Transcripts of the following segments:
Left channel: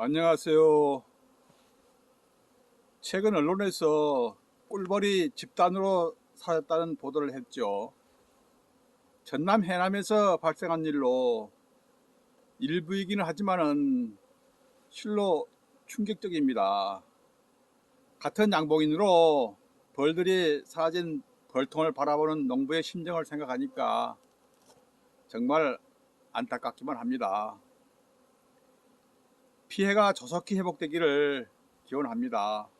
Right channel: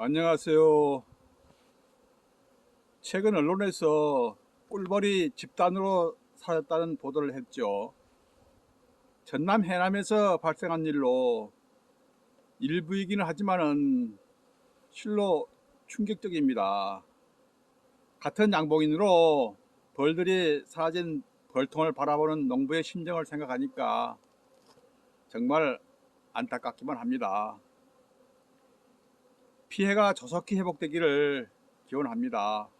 안녕하세요. 최근 언론에서 꿀벌이 집단으로 사라졌다는 보도를 했죠. 전남 해남에서 발생한 일로 일부이기는 하지만은 실로 충격적입니다. 같은 양봉인으로 벌들이 사라진 벌통을 바라보는 농부의 심정을 생각하니까 정말 안타깝기만 합니다. 피해가 조속히 회복되기를 기원합니다.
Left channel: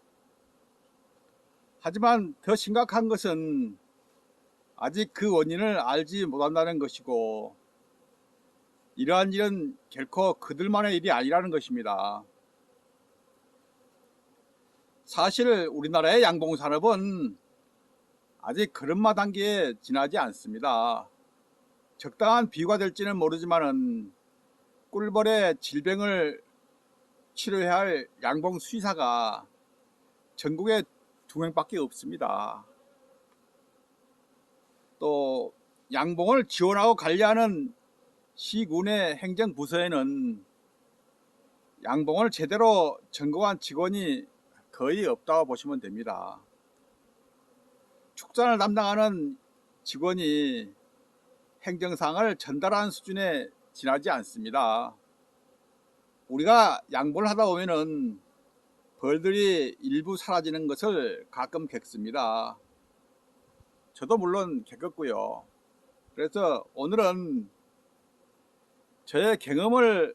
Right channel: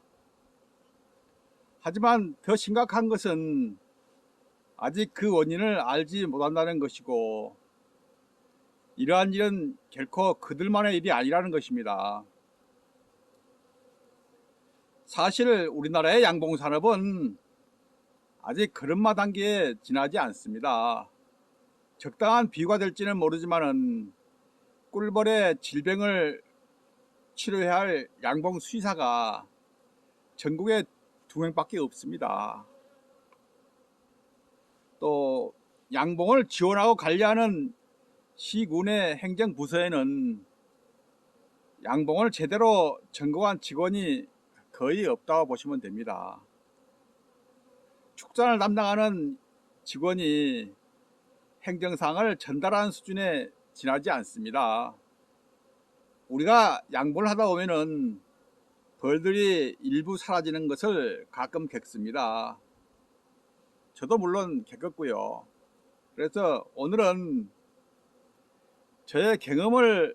하지만 더 심각한 것은 아직 그 원인을 알지 못한다는 것이고, 이러한 일은 결코 그들만의 일이 아니라는 것입니다. 사실 우리나라의 양봉산업은 아직 걸음마 단계에 지나지 않습니다. 적당한 비유가 될지는 모르지만 꿀벌의 질병을 치료해야 할 양봉 수의사가 전국에 2명밖에 없습니다. 또 양봉을 지원하고 관리하는 시군의 행정부서에는 양봉을 제대로 전공한 직원이 거의 없다고 보시면 됩니다. 축산을 담당하는 직원이 행정사항을 전달하는 수준에 지나지 않습니다. 우리가 양봉을 하다 보면은 벌들이 일부 사라지는 것을 가끔 겪습니다. 저도 물론 겪었고요. 그래서 오늘은 저의 경험을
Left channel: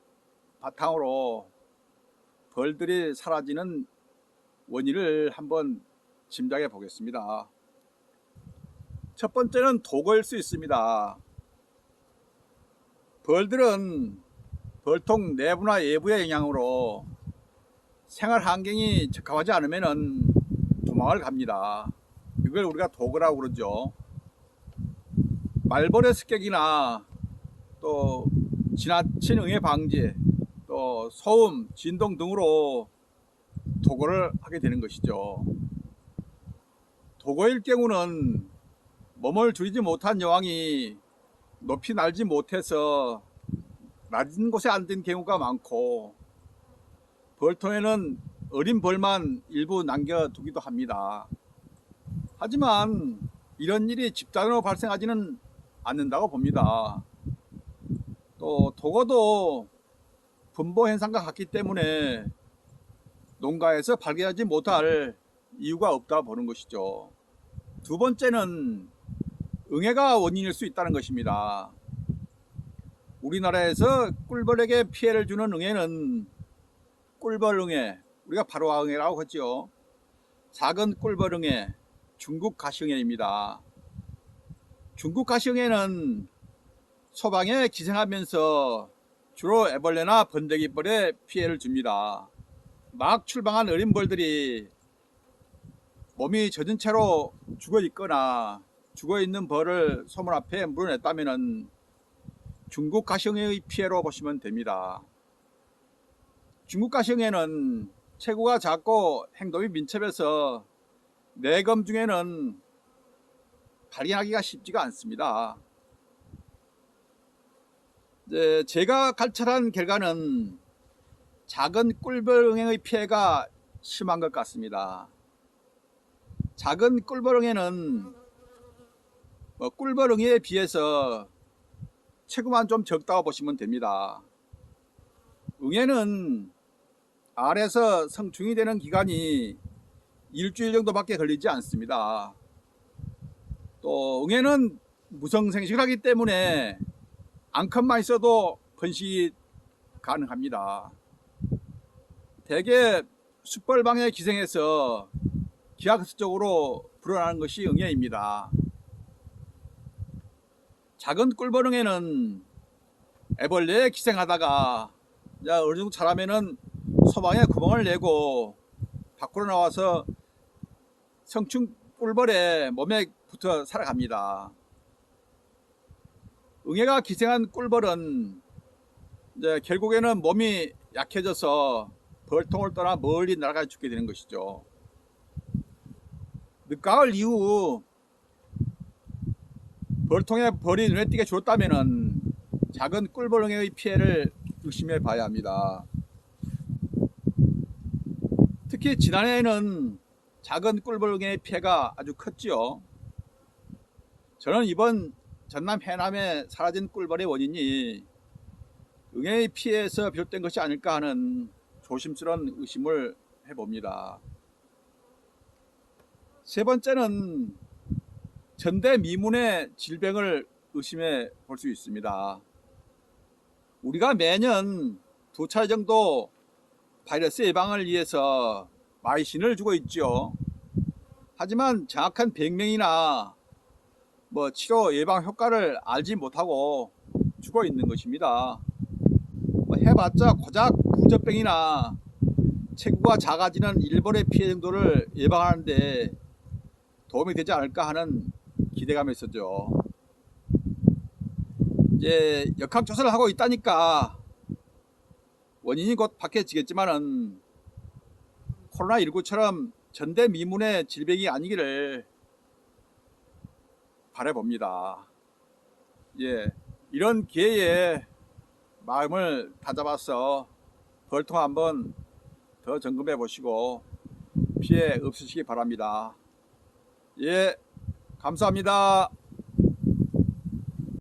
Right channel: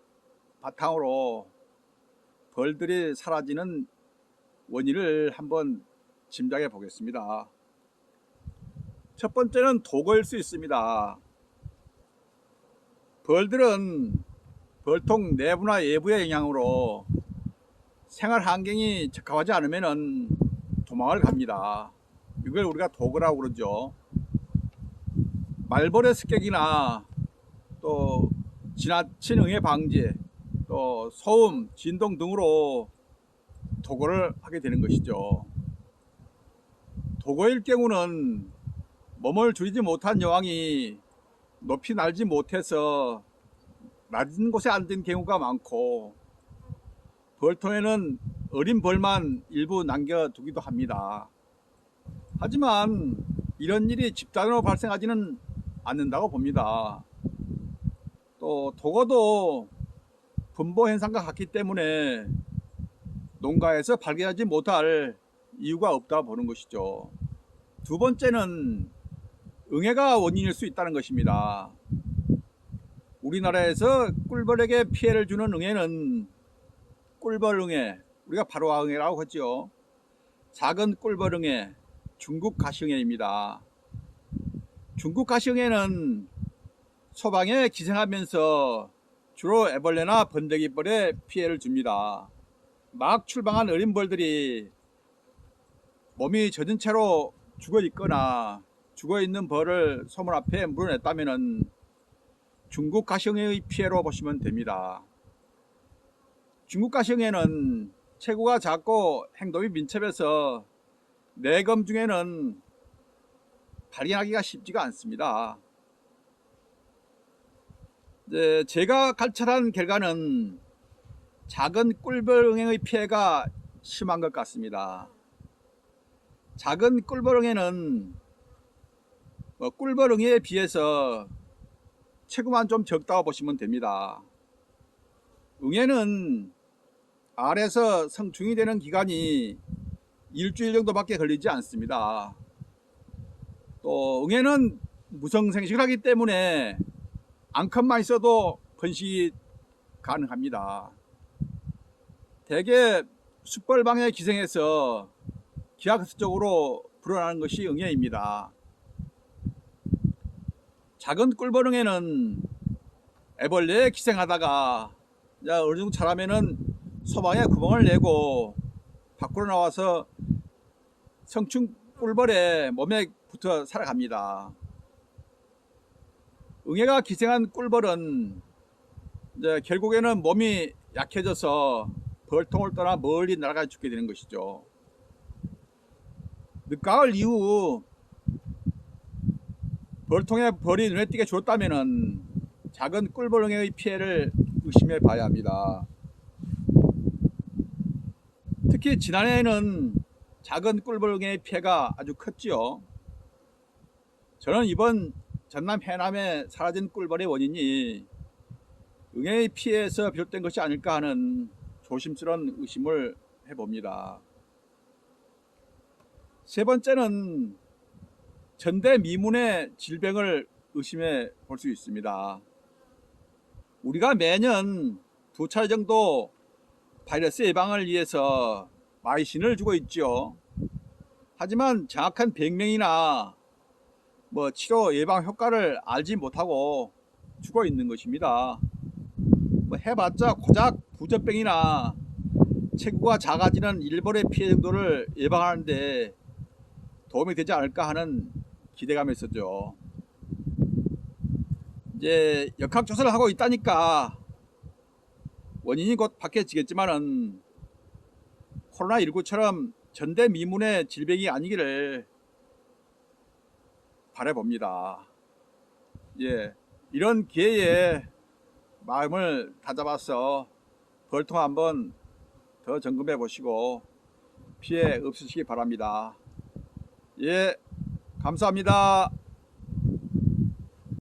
바탕으로 벌들이 사라지는 원인을 한번 짐작해 보겠습니다. 첫 번째는 도거일 수 있습니다. 벌들은 벌통 내부나 외부의 영향으로 생활 환경이 적합하지 않으면 도망을 갑니다. 이걸 우리가 도거라고 그러죠. 말벌의 습격이나 또 지나친 응애 방지, 또 소음, 진동 등으로 도거를 하게 되는 것이죠. 도거일 경우는 몸을 줄이지 못한 여왕이 높이 날지 못해서 낮은 곳에 앉은 경우가 많고, 벌통에는 어린 벌만 일부 남겨두기도 합니다. 하지만 이런 일이 집단으로 발생하지는 않는다고 봅니다. 또 도거도 분보 현상과 같기 때문에 농가에서 발견하지 못할 이유가 없다고 보는 것이죠. 두 번째는 응애가 원인일 수 있다는 것입니다. 우리나라에서 꿀벌에게 피해를 주는 응애는 꿀벌응애, 우리가 바로아응애라고 하죠. 작은 꿀벌응애, 중국 가시응애입니다. 중국 가시응애는 소방에 기생하면서 주로 애벌레나 번데기벌에 피해를 줍니다. 막 출방한 어린 벌들이 몸이 젖은 채로 죽어 있거나 죽어 있는 벌을 소문 앞에 물어냈다면 중국 가시응애의 피해로 보시면 됩니다. 중국 가시응애는 체구가 작고 행동이 민첩해서 내검 중에는 발견하기가 쉽지가 않습니다. 제가 관찰한 결과는 작은 꿀벌응애의 피해가 심한 것 같습니다. 작은 꿀벌응애는 꿀벌응애에 비해서 체구만 좀 적다고 보시면 됩니다. 응애는 알에서 성충이 되는 기간이 일주일 정도밖에 걸리지 않습니다. 또 응애는 무성생식을 하기 때문에 앙컷만 있어도 번식이 가능합니다. 대개 숯벌방에 기생해서 기하급수적으로 불어나는 것이 응애입니다. 작은 꿀벌응애는 애벌레에 기생하다가 어느 정도 자라면은 소방에 구멍을 내고 밖으로 나와서 성충 꿀벌의 몸에 붙어 살아갑니다. 응애가 기생한 꿀벌은 결국에는 몸이 약해져서 벌통을 떠나 멀리 날아가 죽게 되는 것이죠. 늦가을 이후 벌통에 벌이 눈에 띄게 죽었다면 작은 꿀벌응애의 피해를 의심해 봐야 합니다. 특히 지난해에는 작은 꿀벌갱이 피해가 아주 컸지요. 저는 이번 전남 해남에 사라진 꿀벌의 원인이 응애의 피해에서 비롯된 것이 아닐까 하는 조심스러운 의심을 해봅니다. 세 번째는 전대미문의 질병을 의심해 볼 수 있습니다. 우리가 매년 2차례 정도 바이러스 예방을 위해서 마이신을 주고 있죠. 하지만 정확한 병명이나 치료 예방 효과를 알지 못하고 주고 있는 것입니다. 해봤자 고작 부적병이나 체구가 작아지는 일벌의 피해 정도를 예방하는데 도움이 되지 않을까 하는 기대감이 있었죠. 이제 역학조사를 하고 있다니까 원인이 곧 밝혀지겠지만은 코로나19처럼 전대미문의 질병이 아니기를 바라봅니다. 이런 기회에 마음을 다잡아서 벌통 한번 더 점검해 보시고 피해 없으시기 바랍니다. 감사합니다.